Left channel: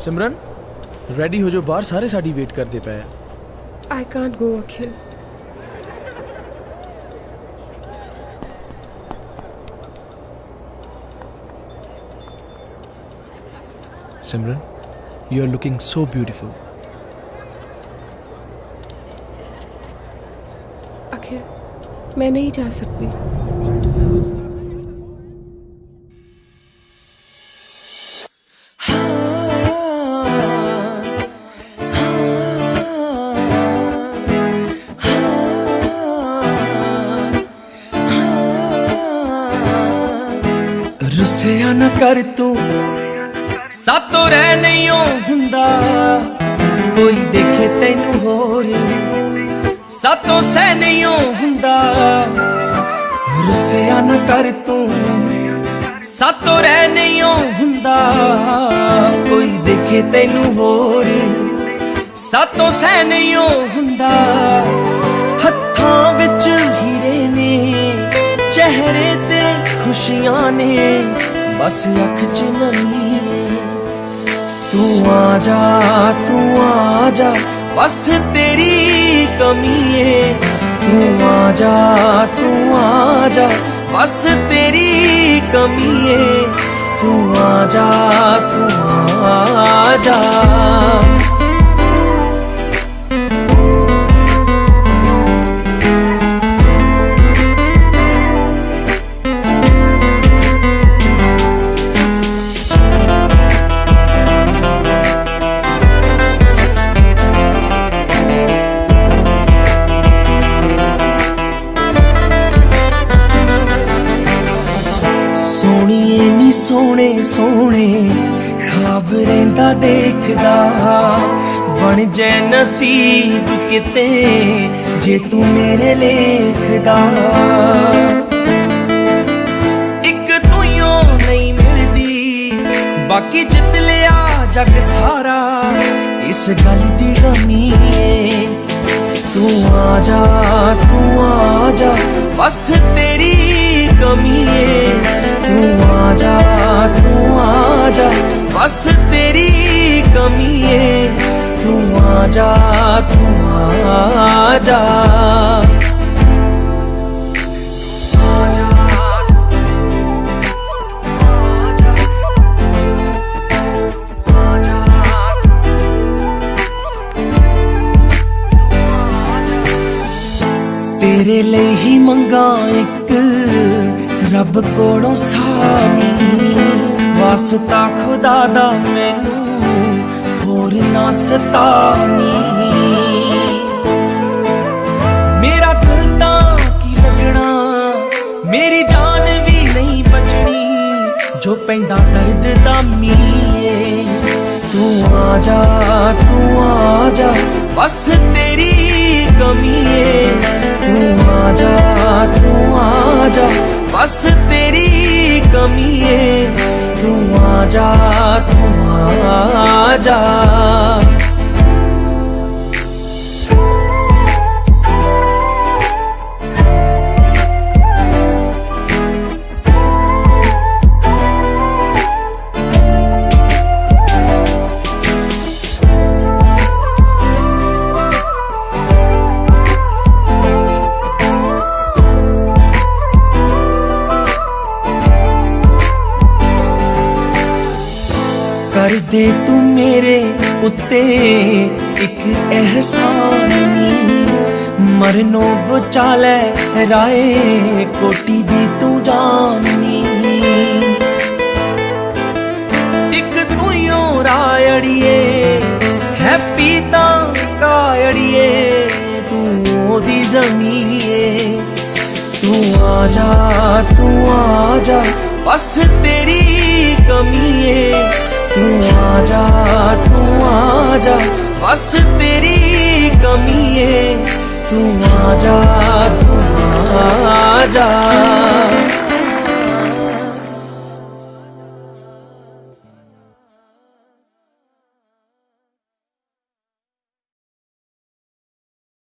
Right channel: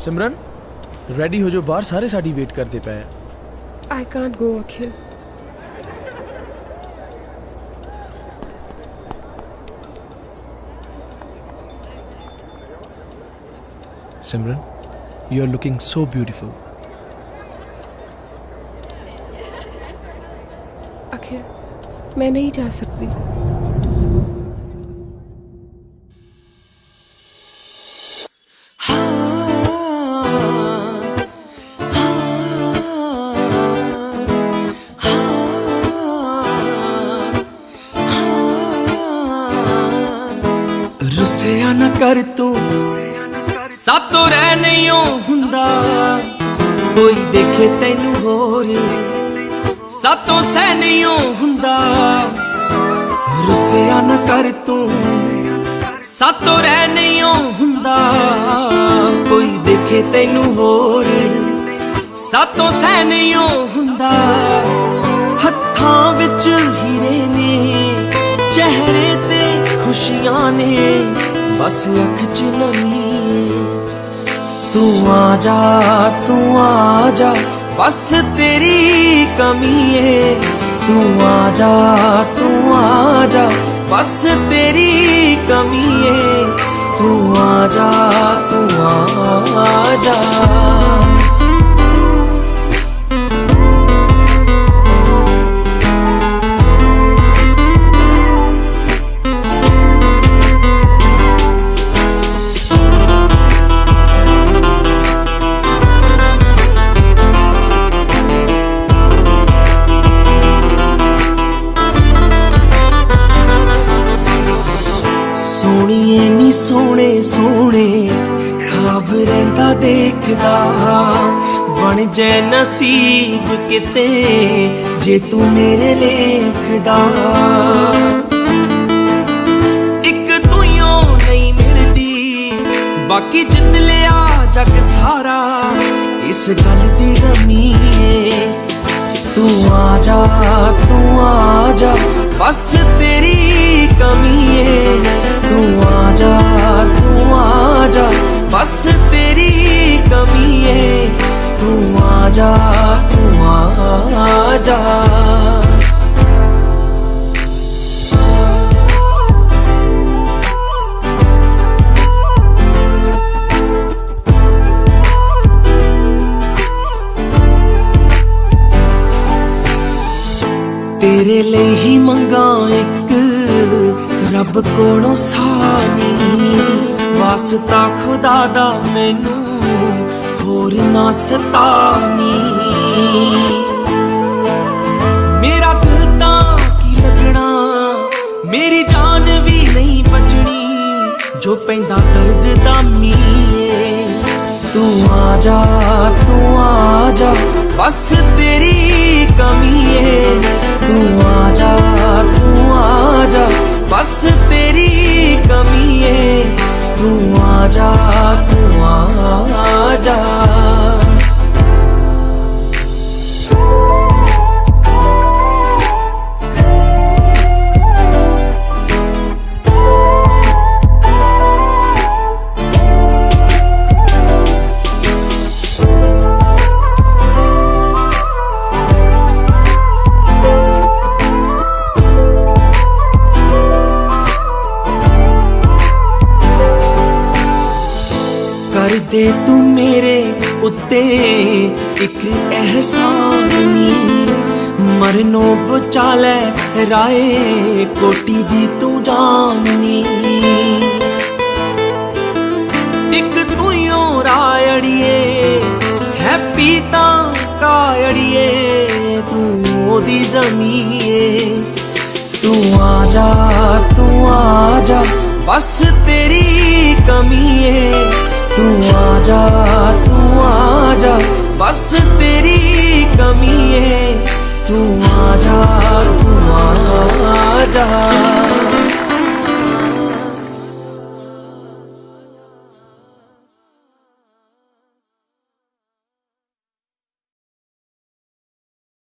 सिमरन ready हो जो, बाहर सारे साड़ी वेट करते पे। I can't go, Akhil. Simran, you are looking so beautiful. Akhil, मैं नहीं जा सकती। रुसिया ना कर तू सातों रह नहीं हुंदा, कोई देखे तैनू होर सातों सह नहीं हुंदा। रुसिया ना कर तू सातों रह नहीं हुंदा, कोई देखे तैनू होर सातों सह नहीं हुंदा। हत्थां विच हीरे ने, चेहरे ते खुशियां ने, बस अख च नमी है। तू आजा बस तेरी कमी है। तू आजा बस तेरी कमी है। तू आजा सोहणीए नी सोहणे सोहणे ख्वाब रहिंदा देखदा, बन जाए नसीब किते जे तू मेरे लेखदा। इक तूं नहीं मिलदी, बाकी जित लिया जग सारा, इस गल दी गमी है। तू आजा बस तेरी कमी है। तू आजा बस तेरी कमी है। तू आजा तेरे लिए ही मंगा एक रब कोलों सानी, वास्ता खुदा दा मैनू होर ना सतानी। मेरा दिल तां की लगना, मेरी जान भी नहीं बचनी, जो पैंदा दर्द दा मीए। तू आजा बस तेरी कमी है। तू आजा बस तेरी कमी है। तू आजा कर दे तू मेरे उत्ते एक एहसान नी, मरनो बचा लै राए कोटी दी तू जाननी। एक तू यो रायड़िए हैप्पी तां कायड़िए, तू ओदी ज़मीए। तू आजा बस तेरी कमी है। तू आजा बस तेरी कमी है। तू आजा